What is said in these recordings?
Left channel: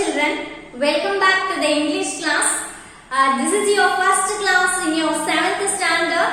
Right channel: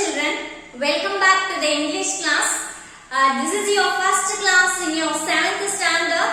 children, welcome back to the English class. This is your first class in your 7th standard.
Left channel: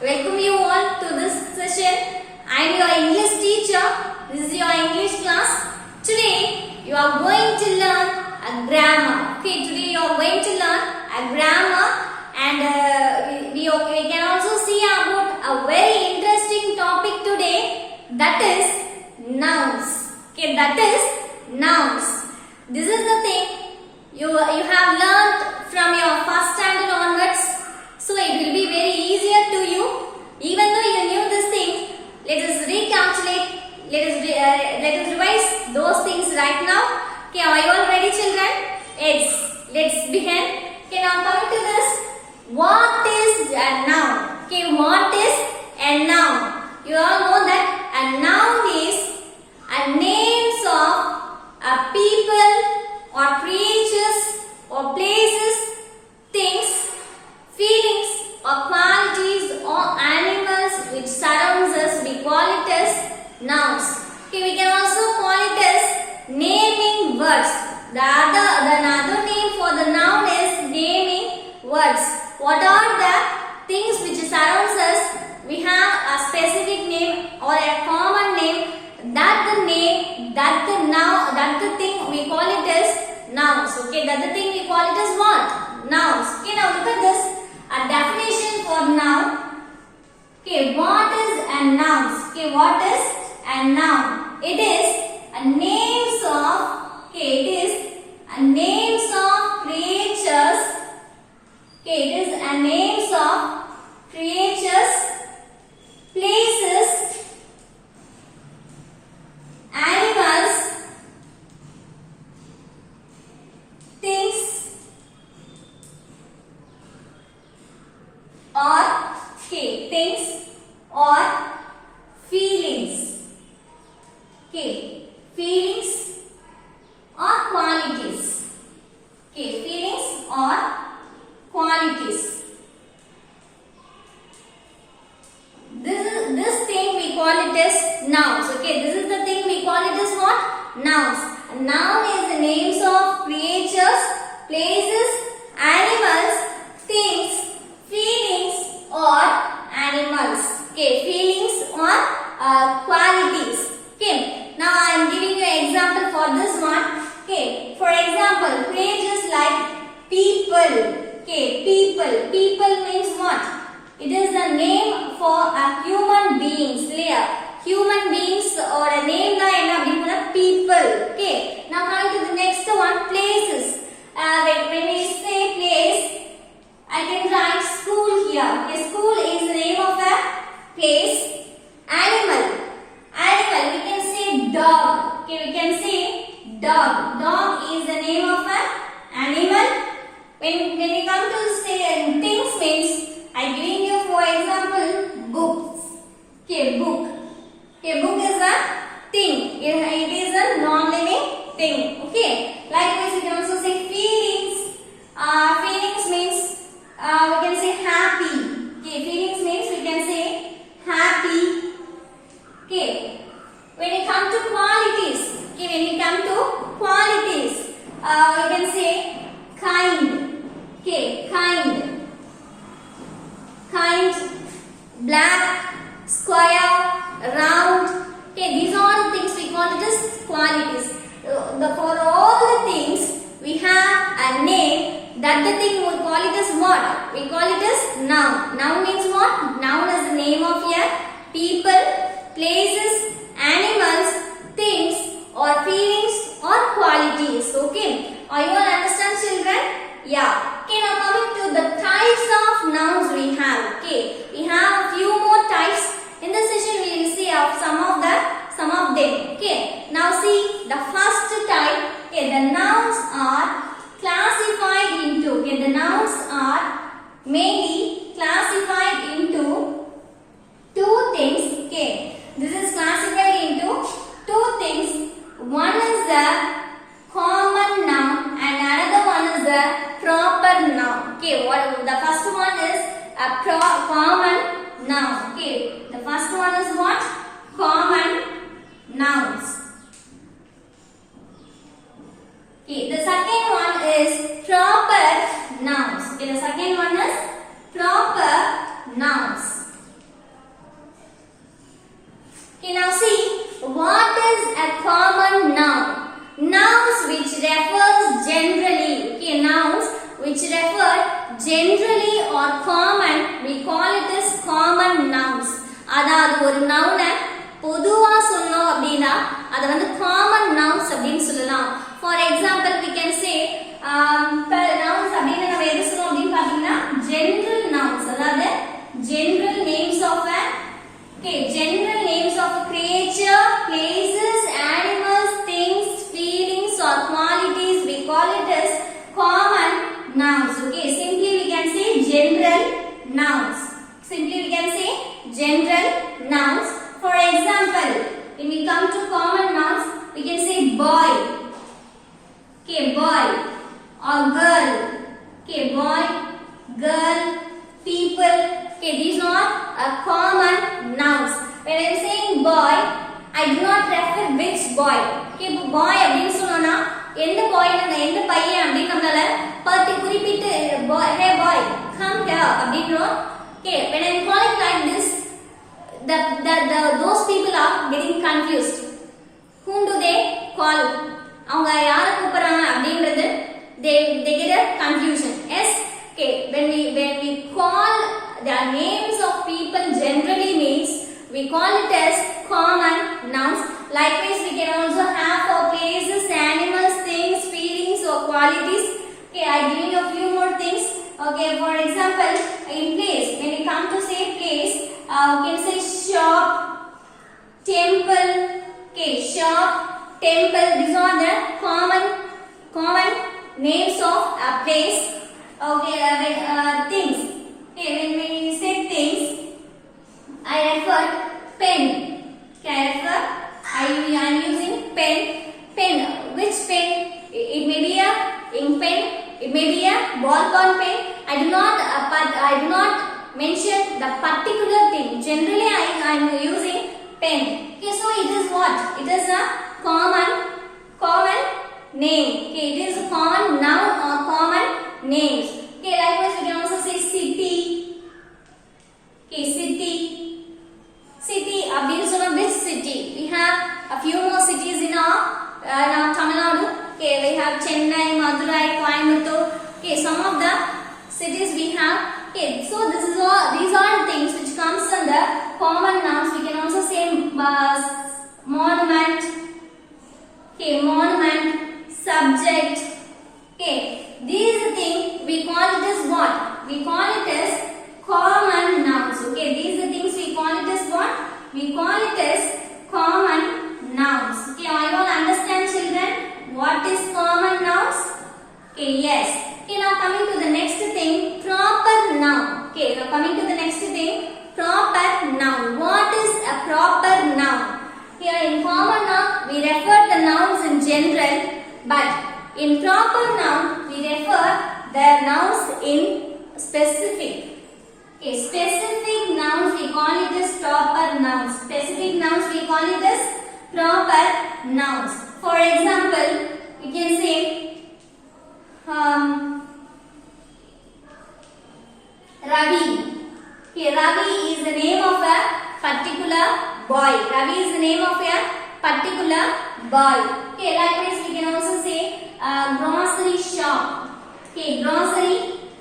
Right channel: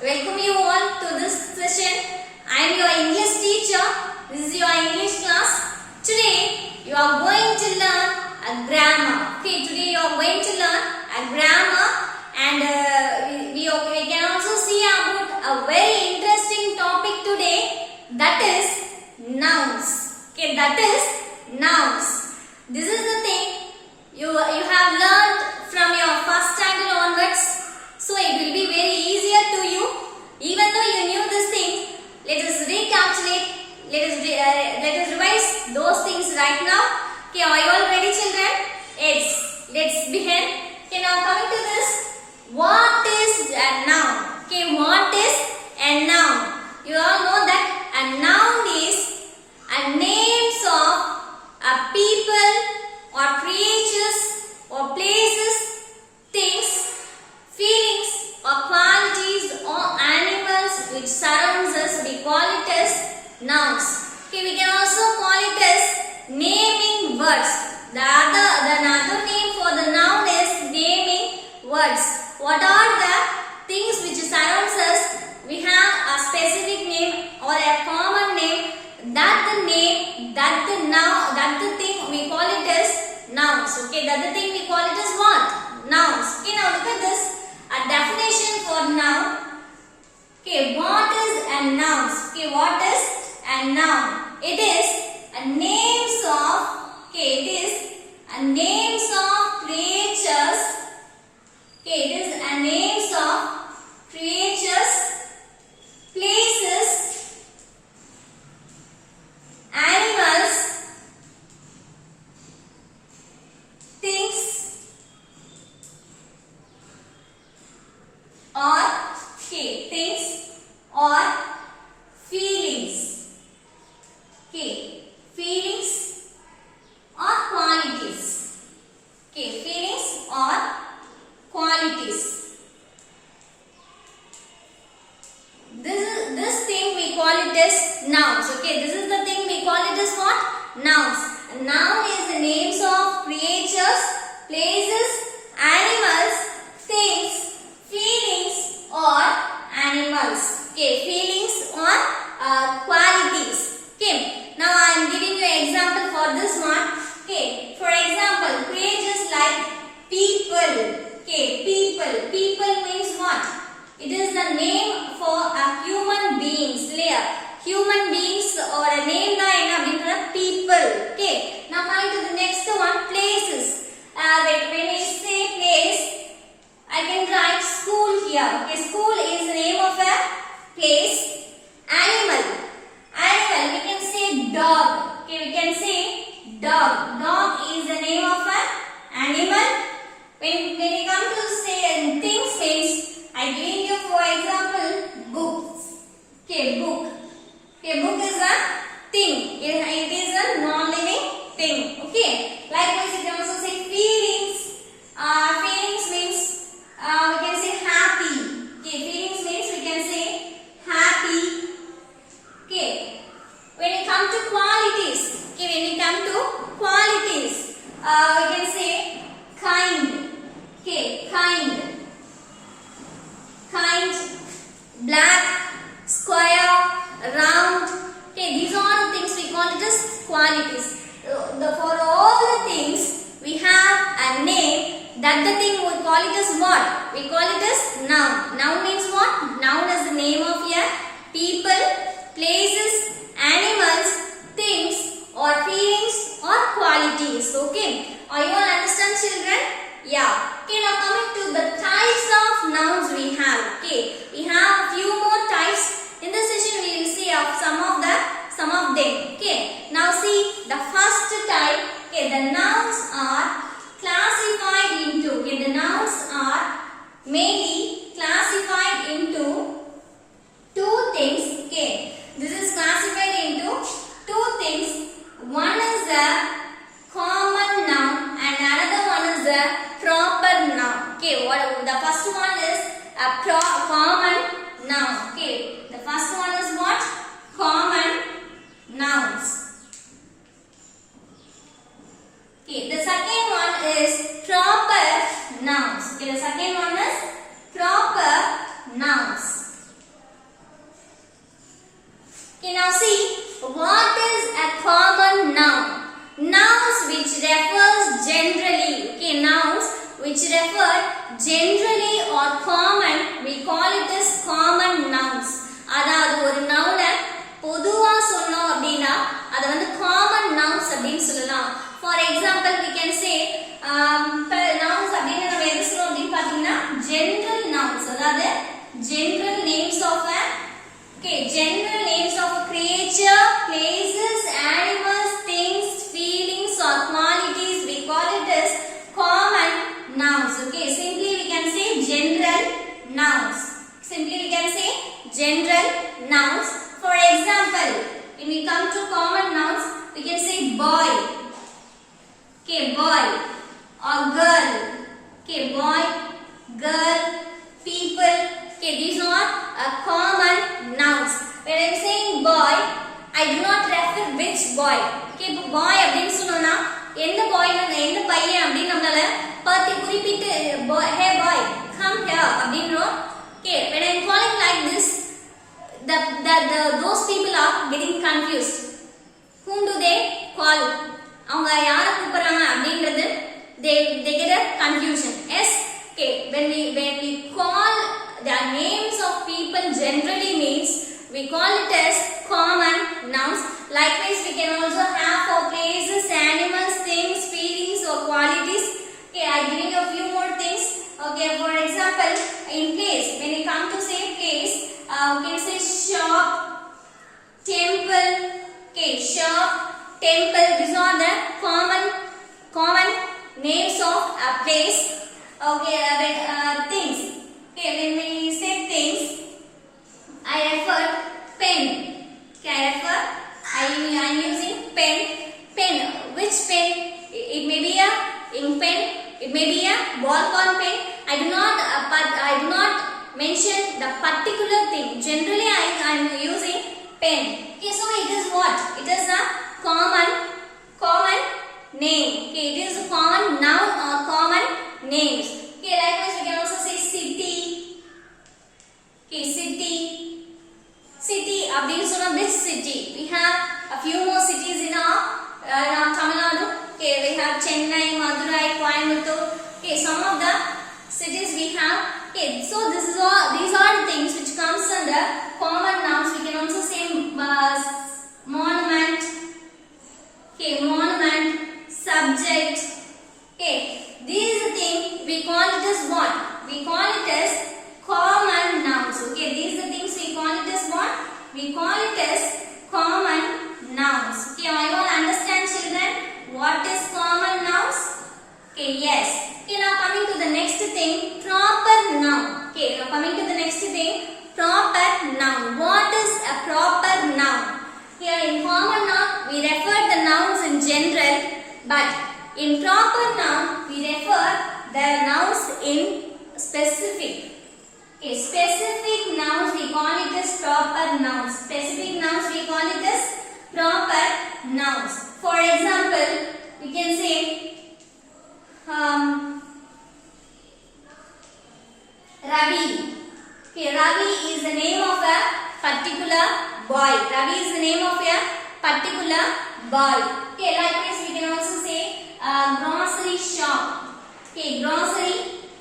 Welcome you all to this session. I am your English teacher. This is your English class. Today you are going to learn a grammar. Okay, today you are going to learn a grammar, and we can also see about a very interesting topic today, that is nouns. Okay, that is nouns. This is the thing you have learned from your first standard onwards, so it will be very easier to you. Even though you knew this thing, let us recapitulate. Let us revise those things right now. Okay, are you all ready, children? Yes. Let's begin. Okay, now coming to this, what is a noun? Okay, what is a noun? You all know that a noun is a names of a people or creatures or places, things, feelings or qualities or animals which surrounds us. We call it as nouns. Okay, we can also call it as naming words. The another name for the noun is naming words. What are the things which surrounds us? We have a specific name or a common name. That the thing we call it as nouns. Okay, that the thing we call it as what? Nouns. Okay, now look at this. A definition for noun. Okay, what is a noun? Okay, what is a noun? It is a names of. Okay, it is a names of creatures. Okay, it is a names of creatures, places, animals, things, or things or feelings. Okay, feelings or qualities. Okay, feelings or qualities. This thing we call it as nouns. Okay, this is the thing we call it as what? Nouns. A noun is the names of creatures, places, animals, things, feelings or animals. Okay, feelings or qualities. Okay, now I am giving you an example for this one. Okay, for example, creatures like people. Okay, people. People means what? It is the name for a human beings. Human beings or a name like people. Okay. Now coming to the next one, places. When we say place, I can write school here. Okay, school is the name of a place. Animal. We can say dog. Okay, we can say dog. Dog is the name of an animal. When we come to say things means, I give you for example books. Okay, book. Okay, book is a thing. It is a non-living thing. Okay. Likewise, you can also say feelings. Feelings means we can say happy. Okay, feelings means we can say happy. Okay. When you come to qualities. Okay, when you come to qualities, we can say kind. Okay, kind. Kind, black, square, round. Okay, these are the things we call it as qualities. For all the things, we have a name. That the thing we call it as what? We call it as noun. Noun means what? Noun is the name of a people, places, animals, things or feelings or qualities. Okay, are you all understand, children? Yeah. Okay, now coming to the types of nouns we have. Okay, we have a few more types. In this session, we will see of some of them. Okay, now see the first type. Okay, the nouns are classified into. Okay, the nouns are mainly classified into two things. Okay, this is classified into two things. One is the common noun and another one is the proper Okay, the second one is proper nouns. Okay, the second one is proper nouns. Okay, now see, what is a common noun? Nouns which refers generally. Okay, nouns which refer generally or common, we call it as common nouns. அதாவது ஒரு noun பொதுவா சொல்லணும் அப்படினா அது வந்து common nouns அப்படினு சொல்லலாம். For example, we can say nouns அப்படினா நம்ம எது சொல்றோம் அப்படினு பாத்தீங்கன்னா general nouns, அதாவது general names of a general names of a creature, places, animals, things, feelings or qualities, we call it as common nouns. Okay, simply we can say general nouns. Simply we can say general nouns. For example, when we come to common nouns, we can say boy. Okay, boy or girl. Okay, boy, girl, people. Okay, these are common nouns. When I am saying boy, I do not refer which boy. Okay, boy அப்படினு சொன்னோம்னா எந்த பாய் எந்த பையன் அப்படி நம்மளால பார்த்து குறிப்பிட்டு hey boy come here அப்படின்றோம். Okay, when I am calling like this, those people are getting confused. Whom do they call? அவங்க யாரை கூப்பிடுறாங்க அப்படின்றது they get a confusion. Yes, okay, when we call the names of people generally means we call it as common nouns. Likewise, we can also have for places, animals, things, feelings or qualities. Okay, I give you a few more things. Okay, for example, in place, when we come to say place, we can say shop, temple. Okay, shop, temple. These are the common names of a place. Okay, things. Okay, when we say things, I refer pen. Okay, I am using pen. Pen. Which pen? It may be a ink pen. It may be a ballpoint pen. I do not mention the particular thing. Generally, I am using pen. Okay, so it is what? It is a common name. Okay, it is a common noun or common names. Okay, likewise we can also say city. Okay, city. Abdin so this city. We have a few more cities in our Tamil Nadu. Okay, we have Chennai, Madurai, Coimbatore. Okay, some of the cities we have. Okay, so these are the things which comes under common nouns. We can also say monument. Okay, monument, subject. Okay, these things we call it as what? We call it as common nouns. Okay, these are things we call it as what? We call it as common nouns. Okay, are you all understand, children? What is common nouns? Okay, yes. Okay, now coming to the next thing, proper noun. Okay, now coming to the next thing, proper noun. What is a proper noun? Here in common noun, we refer the nouns in general, but in proper noun, we refer the nouns in specific. Okay, specific nouns we call it as proper nouns. Specific nouns we call it as proper nouns. For example, we can say Ravi. Okay, Ravi is the name of a particular boy. Ravi is the name of a particular boy. Okay, likewise we can also say grocery shop. Okay, grocery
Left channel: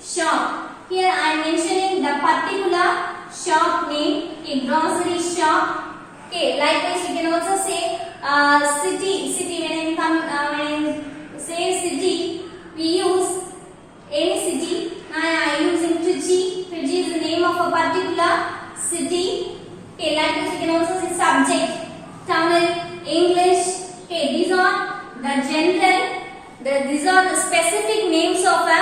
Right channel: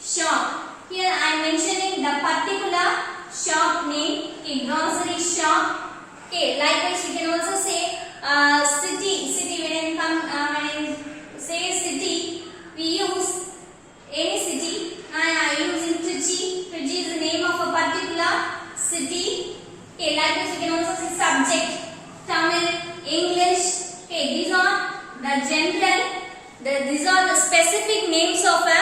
shop. Here I am mentioning the particular shop name. Okay, grocery shop. Okay, likewise we can also say city. When I say city, we use any city. I am using Trichy. Trichy is the name of a particular city. Okay, likewise we can also say subject, Tamil, English. Okay, these are the general. These are the specific names of a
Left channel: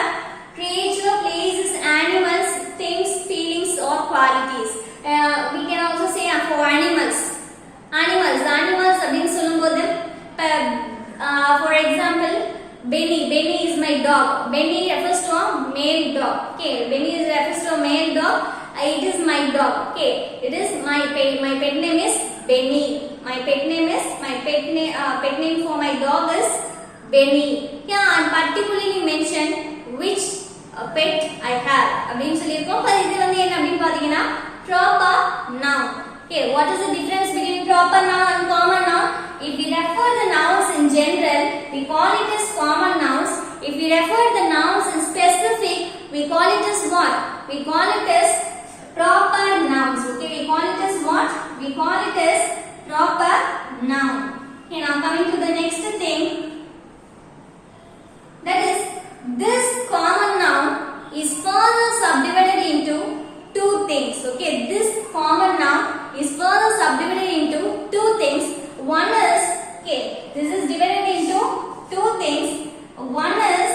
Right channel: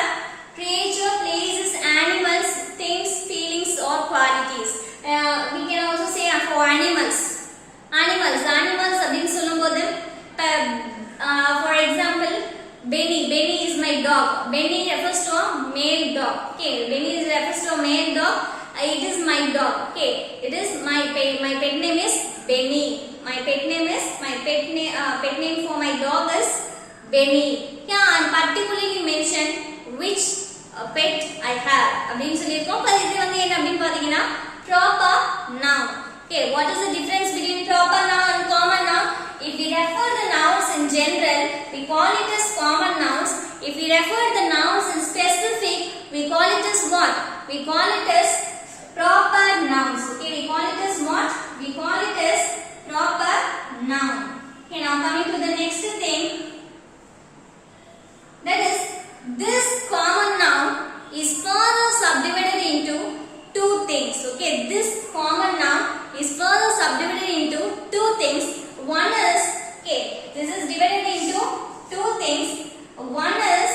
creature, places, animals, things, feelings or qualities. We can also say for animals. Animals அப்படின்னு சொல்லும்போது for example, Benny is my dog. Benny refers to a male dog. Okay, Benny refers to a male dog. It is my dog. Okay, it is my pet name is Benny. My pet name for my dog is many. Here I am particularly mention which pet I have அப்படினு சொல்லிருக்கோம். அப்ப இது வந்து என்ன அப்படினு பாத்தீங்கன்னா proper noun. Okay, what is the difference between proper noun and common noun? If we refer the nouns in general, we call it as common nouns. If we refer the nouns in specific, we call it as what? We call it as proper nouns. Okay, we call it as what? We call it as proper noun. Okay, now coming to the next thing, that is this common noun is further subdivided into two things. Okay, this common noun is further subdivided into two things. One is, okay, this is divided into two things. One is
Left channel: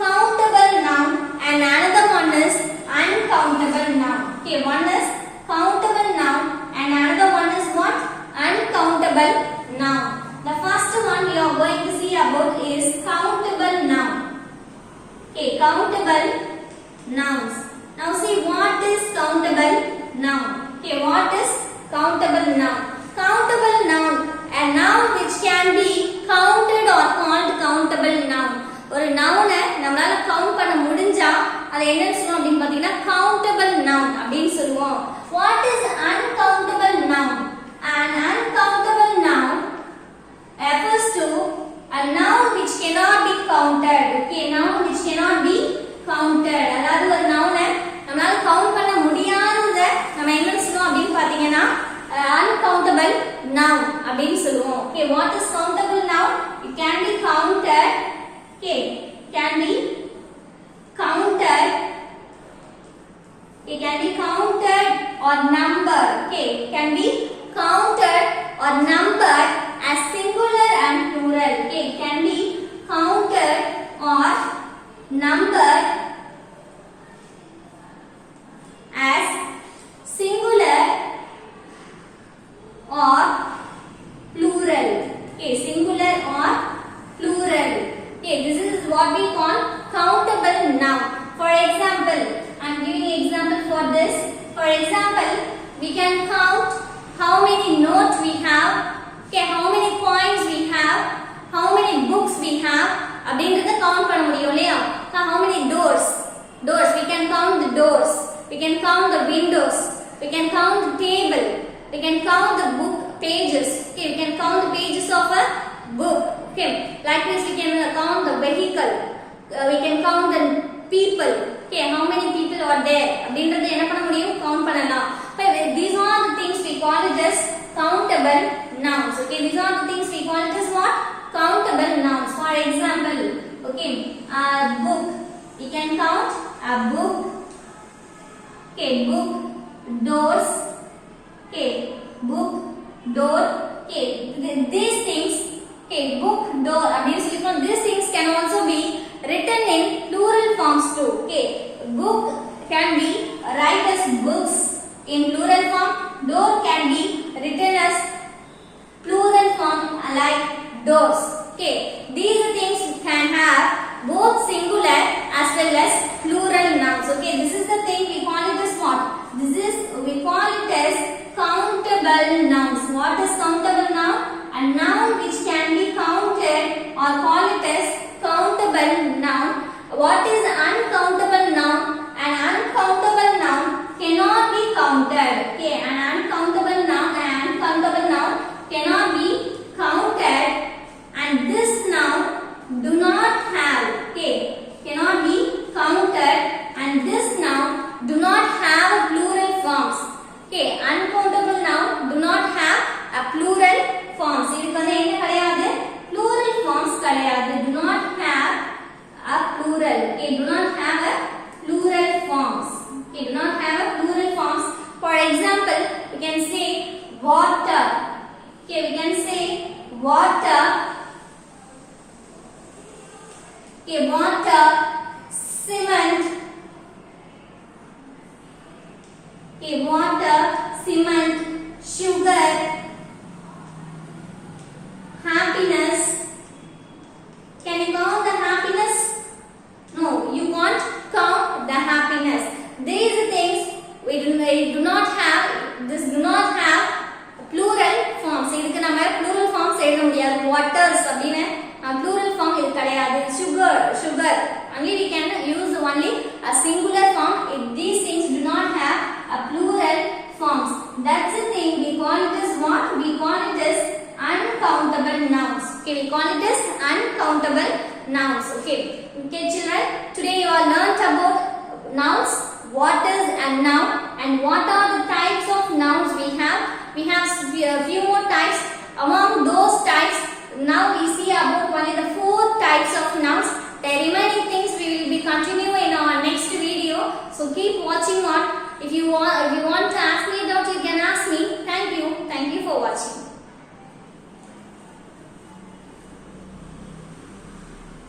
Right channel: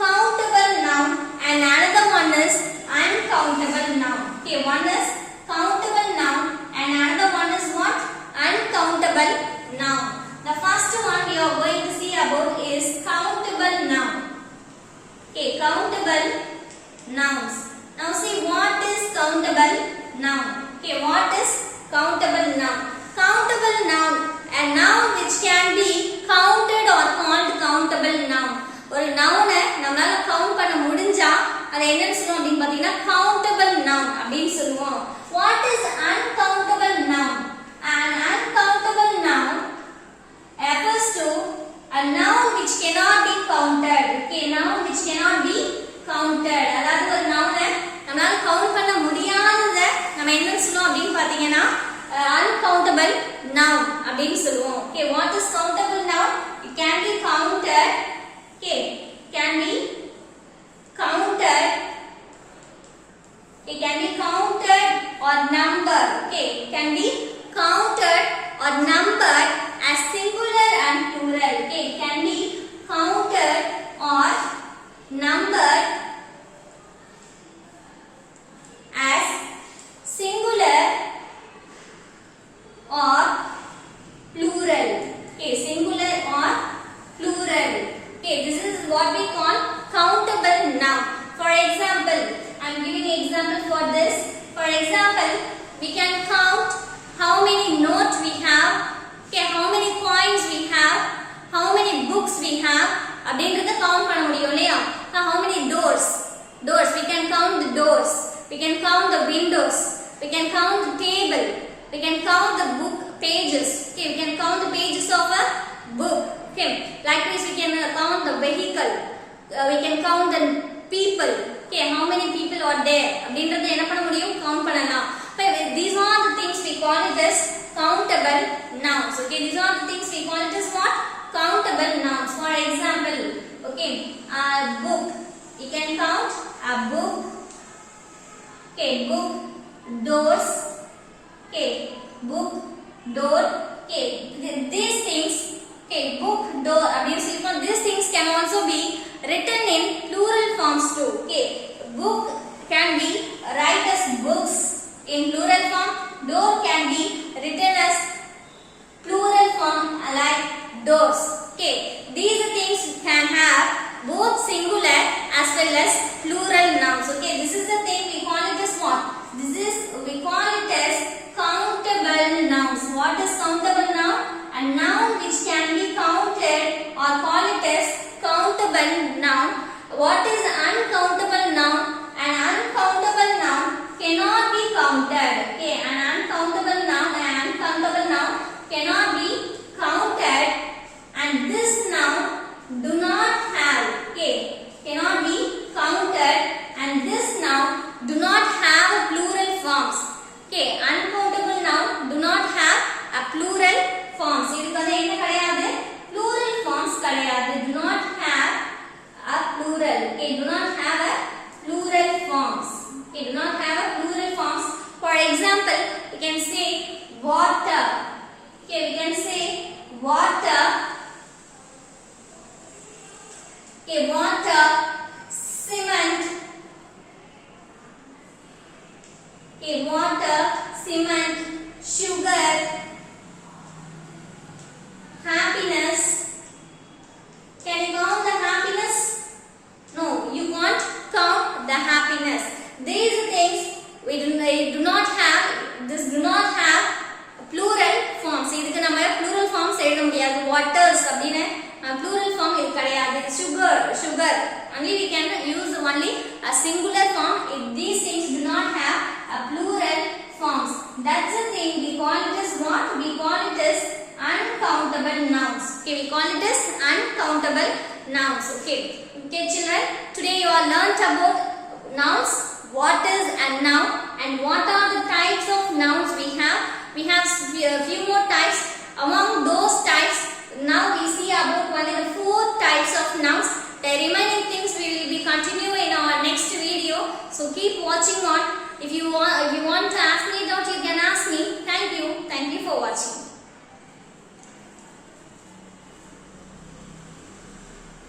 countable noun and another one is uncountable noun. Okay, one is countable noun and another one is what? Uncountable noun. The first one we are going to see about is countable noun. Okay, countable nouns. Now see what is countable noun. Okay, what is countable noun? Countable noun, a noun which can be counted or called countable noun. ஒரு noun நம்மளால count பண்ண முடிஞ்சா அது என்னன்னு சொல்லுவோம் அப்படினு பாத்தீங்கன்னா countable noun அப்படினு சொல்லுவோம். What is uncountable noun? An uncountable noun refers to a noun which cannot be counted. Okay, noun which cannot be counted. அதாவது ஒரு noun நம்மளால கவுண்ட் பண்ண முடியாதத நம்ம என்ன சொல்லுவோம் அப்படினு பாத்தீங்கன்னா uncountable noun அப்படினு சொல்லுவோம். Okay, what is countable noun? It can be counted. Okay, can be counted. It can be counted or numbered. Okay, it can be counted or numbered as singular and plural. Okay, it can be counted or numbered as singular or plural. Okay, singular or plural. Okay, this is what we call countable noun. For example, I am giving an example for this. For example, we can count how many notes we have, okay, how many coins we have, how many books we have. அப்படிங்கறத count பண்ண முடியும் இல்லையா? How many doors? Doors, we can count the doors. We can count the windows. We can count the table. We can count the book pages. Okay, we can count the pages of a book. Okay, likewise we can count the vehicle. We can count the people. Okay, how many people are there? அப்படிங்கறத என்ன பண்ண முடியும்? Count பண்ணலாம். Okay, these are the things we call it as countable nouns. Okay, these are the things we call it as what? Countable nouns. For example, okay, a book. You can count a book. Okay, book, doors. Okay, book, door. Okay, these things. Okay, book, door. These things can also be written in plural forms too. Okay, book can be write as books in plural form. Door can be written as plural form like doors. Okay, these things can have both singular as well as plural nouns. Okay, this is the thing we call it as what? We call it as countable nouns. What is countable noun? A noun which can be counted or call it as countable noun. What is uncountable noun? An uncountable noun cannot be counted. Okay, an uncountable noun cannot be counted, and this noun do not have. Okay, cannot be counted, and this noun do not have a plural forms. Okay, uncountable noun do not have a plural forms. இதுக்கு வந்து என்ன கிடையாது? Plural forms கிடையாது. Do not have a plural. Okay, do not have a plural forms. Okay, do not have a plural forms. For example, we can say water. Okay, we can say water. Okay, water, cement. Okay, water, cement, sugar, happiness. Can you count the happiness? No, you can't count the happiness. These things we do not have. This do not have plural forms. இதுக்கு நம்ம plural forms plural form இது கிடையாது. Sugar. Only we can use only a singular form. If these things do not have a plural forms, that's the thing. We call it as what? We call it as uncountable nouns. Okay, we call it as uncountable nouns. Okay, children. Today you all learnt about nouns. What is a noun and what are the types of nouns we have? We have a few more types. Among those types, now we see about only the 4 types of nouns. The remaining things we will be continuing in our next video. So keep watching on. If you want